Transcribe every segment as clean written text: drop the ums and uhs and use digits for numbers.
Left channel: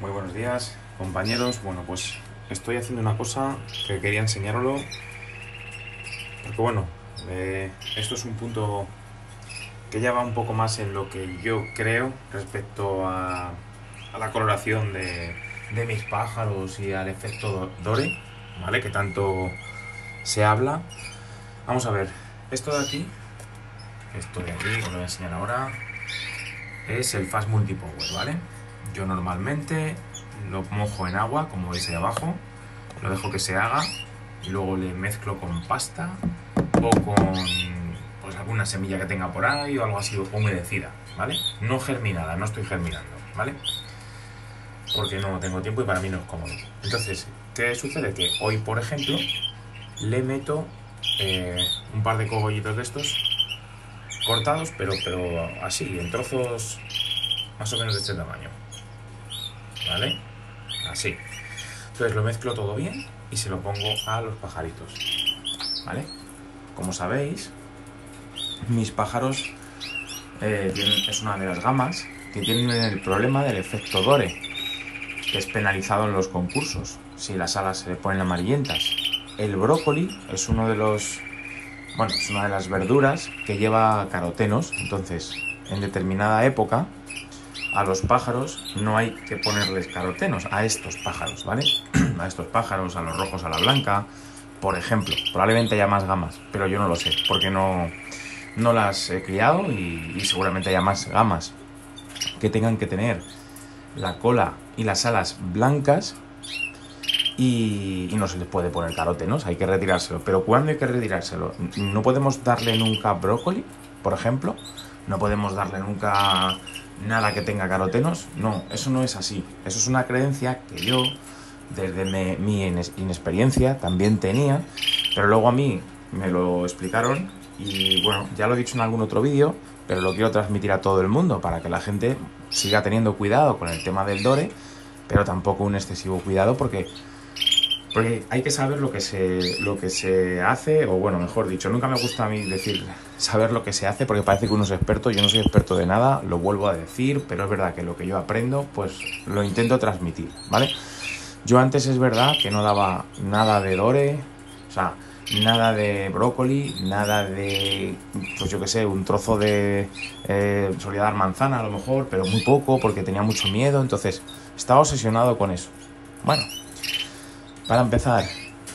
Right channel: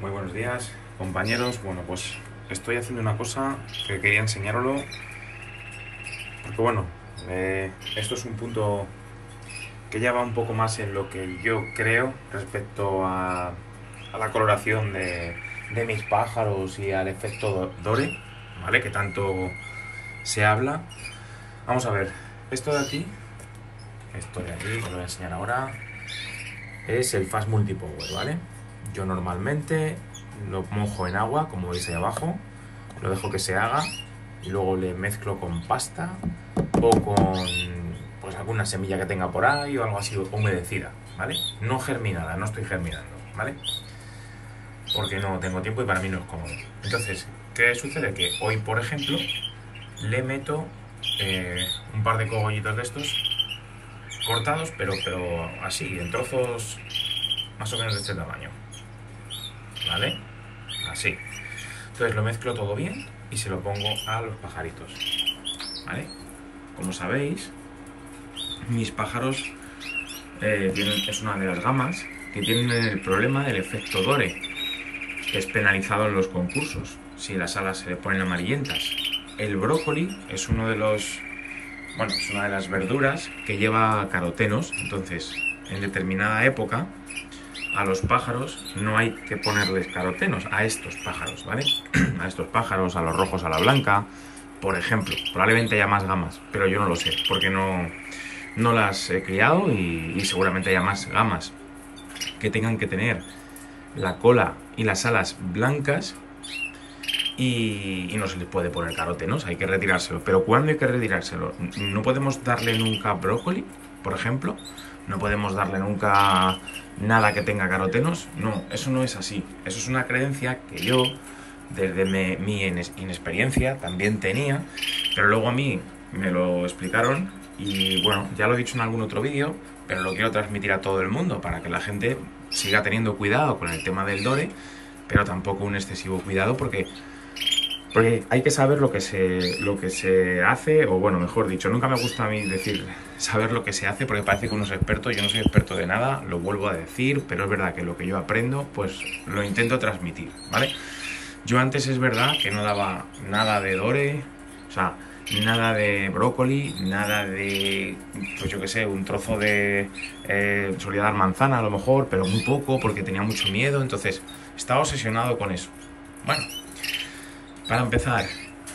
Muy buenos días, compañeros. Bueno, pues estoy haciendo una cosa que quería enseñaroslo porque esto es un punto que ya va un poco más en lo que yo creo respecto a la coloración de mis pájaros y al efecto Dore, ¿vale? Que tanto se habla. Vamos a ver, esto de aquí, que os lo voy a enseñar ahora, es el Fast Multipower, ¿vale? Yo normalmente lo mojo en agua, como veis ahí abajo, lo dejo que se haga y luego le mezclo con pasta o con pues alguna semilla que tenga por ahí o algo así humedecida, ¿vale? No germinada, no estoy germinando, ¿vale? Porque no tengo tiempo y para mí no es cómodo. Entonces, ¿qué sucede? Que hoy, por ejemplo, le meto un par de cogollitos de estos cortados, pero así, en trozos más o menos de este tamaño, ¿vale? Así. Entonces lo mezclo todo bien y se lo pongo a los pajaritos, ¿vale? Como sabéis, mis pájaros es una de las gamas que tienen el problema del efecto Dore, que es penalizado en los concursos si las alas se le ponen amarillentas. El brócoli es es una de las verduras que lleva carotenos. Entonces, en determinada época, a los pájaros no hay que ponerles carotenos, a estos pájaros, ¿vale? A estos pájaros, a los rojos, a la blanca, por ejemplo. Probablemente haya más gamas, pero yo no lo sé, porque no las he criado y seguramente haya más gamas que tengan que tener la cola y las alas blancas y no se les puede poner carotenos, hay que retirárselo. Pero ¿cuándo hay que retirárselo? No podemos darle nunca brócoli, por ejemplo. No podemos darle nunca nada que tenga carotenos. No, eso no es así. Eso es una creencia que yo, desde mi inexperiencia, también tenía. Pero luego a mí me lo explicaron y bueno, ya lo he dicho en algún otro vídeo, pero lo quiero transmitir a todo el mundo para que la gente siga teniendo cuidado con el tema del Dore, pero tampoco un excesivo cuidado porque hay que saber lo que se hace, o bueno, mejor dicho, nunca me gusta a mí decir saber lo que se hace porque parece que uno es experto. Yo no soy experto de nada, lo vuelvo a decir, pero es verdad que lo que yo aprendo, pues lo intento transmitir, ¿vale? Yo antes es verdad que no daba nada de Dore, o sea, nada de brócoli, nada de, pues yo qué sé, un trozo de, solía dar manzana a lo mejor, pero muy poco porque tenía mucho miedo, entonces estaba obsesionado con eso. Bueno, para empezar,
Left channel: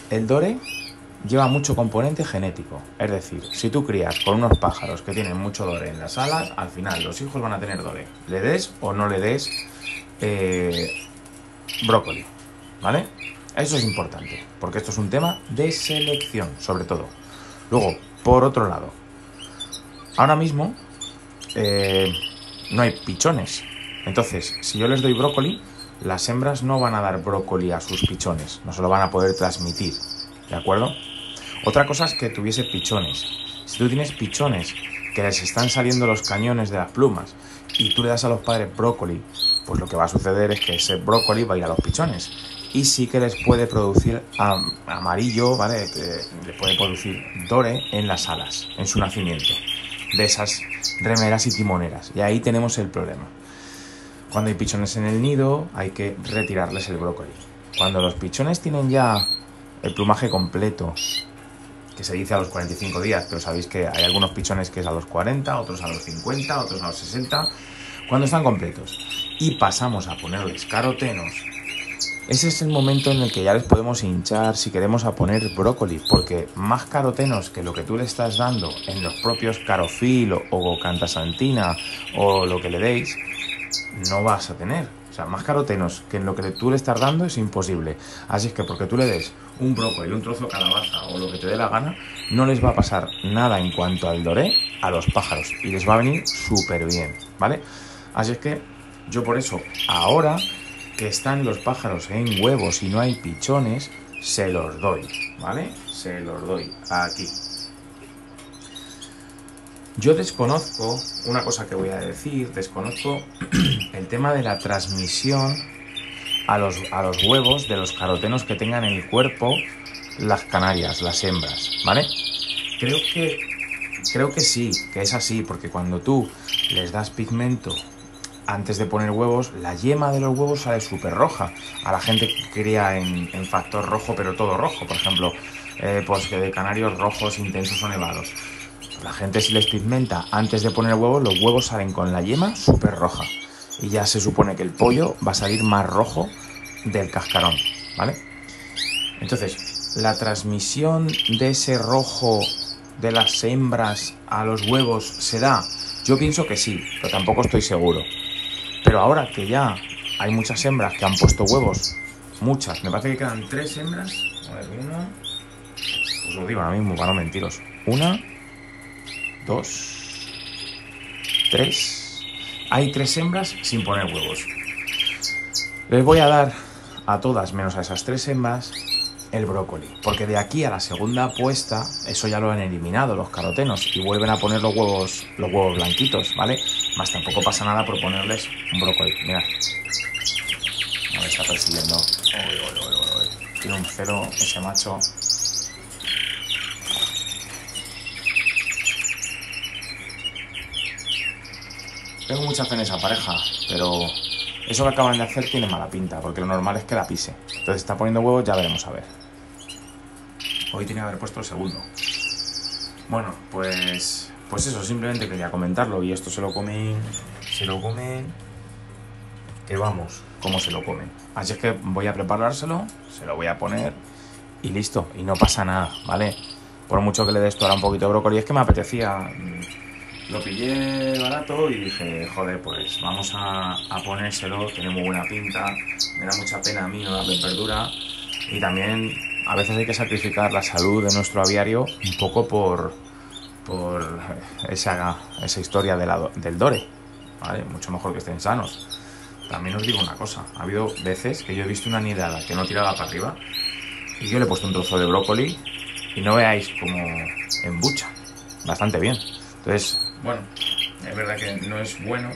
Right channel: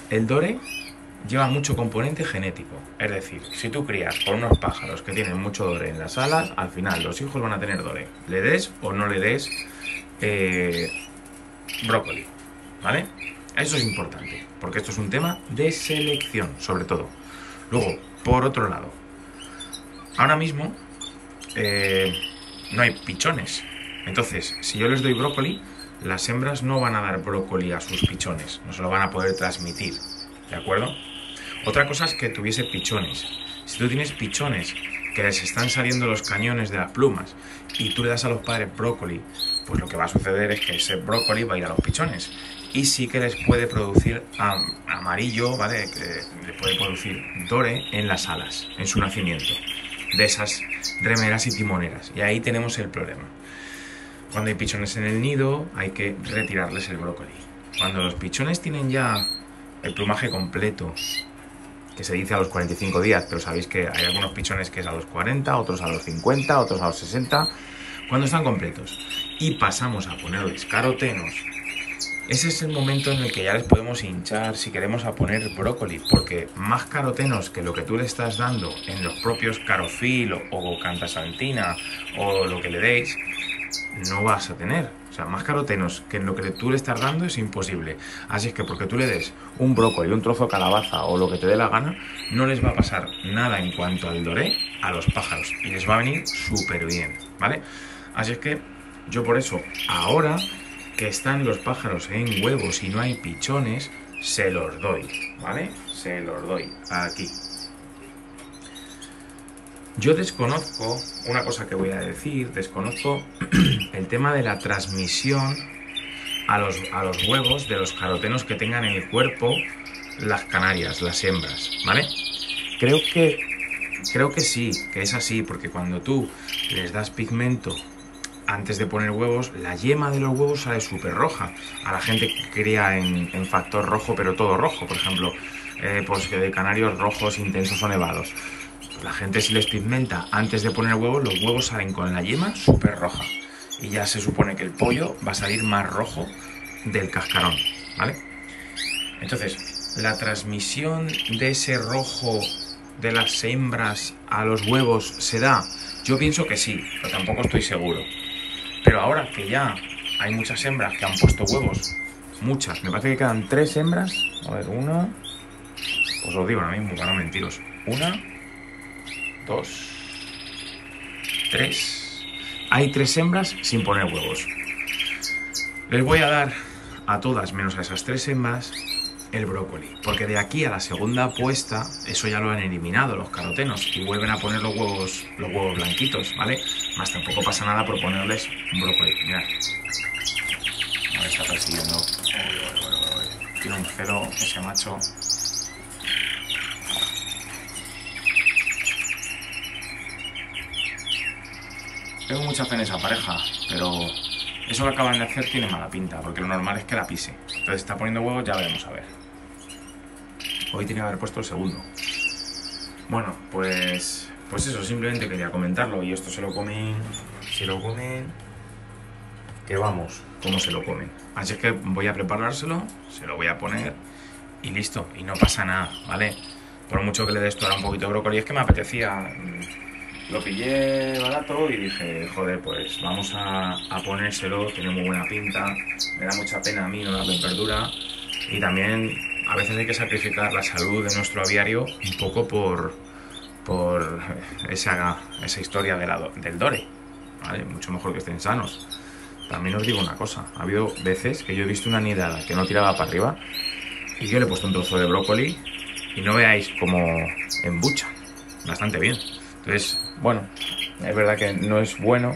el Dore lleva mucho componente genético. Es decir, si tú crías con unos pájaros que tienen mucho Dore en las alas, al final los hijos van a tener Dore. Le des o no le des brócoli, ¿vale? Eso es importante, porque esto es un tema de selección, sobre todo. Luego, por otro lado, ahora mismo no hay pichones. Entonces, si yo les doy brócoli, las hembras no van a dar brócoli a sus pichones, no se lo van a poder transmitir, ¿de acuerdo? Otra cosa es que tuviese pichones. Si tú tienes pichones que les están saliendo los cañones de las plumas y tú le das a los padres brócoli, pues lo que va a suceder es que ese brócoli va a ir a los pichones y sí que les puede producir amarillo, ¿vale? Que les puede producir Dore en las alas, en su nacimiento, de esas remeras y timoneras, y ahí tenemos el problema. Cuando hay pichones en el nido, hay que retirarles el brócoli. Cuando los pichones tienen ya el plumaje completo, que se dice a los 45 días, pero sabéis que hay algunos pichones que es a los 40, otros a los 50, otros a los 60, cuando están completos, y pasamos a ponerles carotenos, ese es el momento en el que ya les podemos hinchar si queremos a poner brócoli, porque más carotenos que lo que tú le estás dando en los propios Carofil o Cantasantina o lo que le deis, no vas a tener. O sea, más carotenos que en lo que tú le estás dando es imposible. Así es que porque tú le des un brócoli, un trozo de calabaza o lo que te dé la gana, no les va a pasar nada en cuanto al Dore a los pájaros y les va a venir súper bien, ¿vale? Así es que yo por eso, ahora que están los pájaros en huevos y no hay pichones, se los doy, ¿vale? Se los doy aquí. Yo desconozco, una cosa que voy a decir, desconozco el tema de la transmisión a los huevos de los carotenos que tengan en el cuerpo las canarias, las hembras, ¿vale? Creo que sí, que es así, porque cuando tú les das pigmento antes de poner huevos, la yema de los huevos sale súper roja. A la gente que cría en factor rojo, pero todo rojo, por ejemplo, pues de canarios rojos intensos o nevados. La gente, si les pigmenta antes de poner huevos, los huevos salen con la yema súper roja. Y ya se supone que el pollo va a salir más rojo del cascarón, ¿vale? Entonces, la transmisión de ese rojo de las hembras a los huevos se da. Yo pienso que sí, pero tampoco estoy seguro. Pero ahora que ya hay muchas hembras que han puesto huevos, muchas, me parece que quedan 3 hembras. A ver, una, pues os digo ahora mismo para no mentiros. 1, 2, 3. Hay 3 hembras sin poner huevos. Les voy a dar a todas, menos a esas 3 hembras, el brócoli, porque de aquí a la segunda puesta, eso ya lo han eliminado los carotenos y vuelven a poner los huevos blanquitos, ¿vale? Más tampoco pasa nada por ponerles un brócoli. Mirad, me está persiguiendo. Tiene un celo ese macho. Tengo mucha fe en esa pareja, pero eso que acaban de hacer tiene mala pinta, porque lo normal es que la pise. Entonces está poniendo huevos, ya veremos a ver. Hoy tiene que haber puesto el segundo. Bueno, pues eso, simplemente quería comentarlo. Y esto se lo comen, que vamos, cómo se lo comen. Así es que voy a preparárselo, se lo voy a poner y listo. Y no pasa nada, ¿vale? Por mucho que le dé esto ahora un poquito de brócoli, es que me apetecía. Lo pillé barato y dije, joder, pues vamos a ponérselo, tiene muy buena pinta, me da mucha pena a mí no darle verdura. Y también a veces hay que sacrificar la salud de nuestro aviario un poco por esa historia del Dore, ¿vale? Mucho mejor que estén sanos. También os digo una cosa, ha habido veces que yo he visto una nidada que no tiraba para arriba y yo le he puesto un trozo de brócoli y no veáis como embucha, bastante bien. Entonces, bueno, es verdad que no es bueno,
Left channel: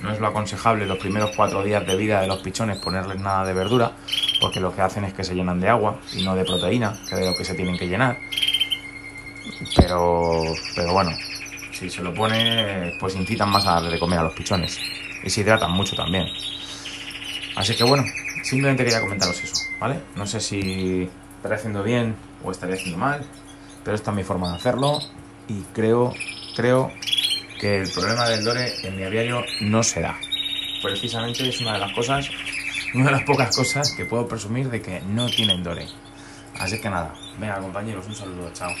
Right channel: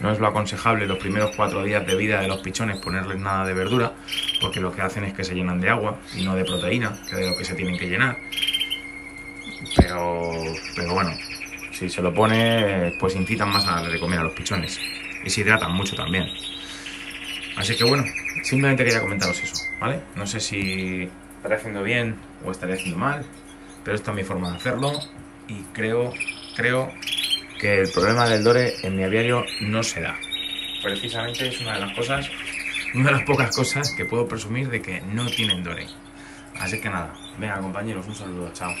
no es lo aconsejable los primeros 4 días de vida de los pichones ponerles nada de verdura, porque lo que hacen es que se llenan de agua y no de proteína, que es de lo que se tienen que llenar. Pero bueno, si se lo pone, pues incitan más a darle de comer a los pichones y se hidratan mucho también. Así que bueno, simplemente quería comentaros eso, ¿vale? No sé si estaré haciendo bien o estaré haciendo mal, pero esta es mi forma de hacerlo y creo que el problema del Dore en mi aviario no se da. Precisamente es una de las pocas cosas que puedo presumir de que no tienen Dore. Así que nada, venga compañeros, un saludo, chao.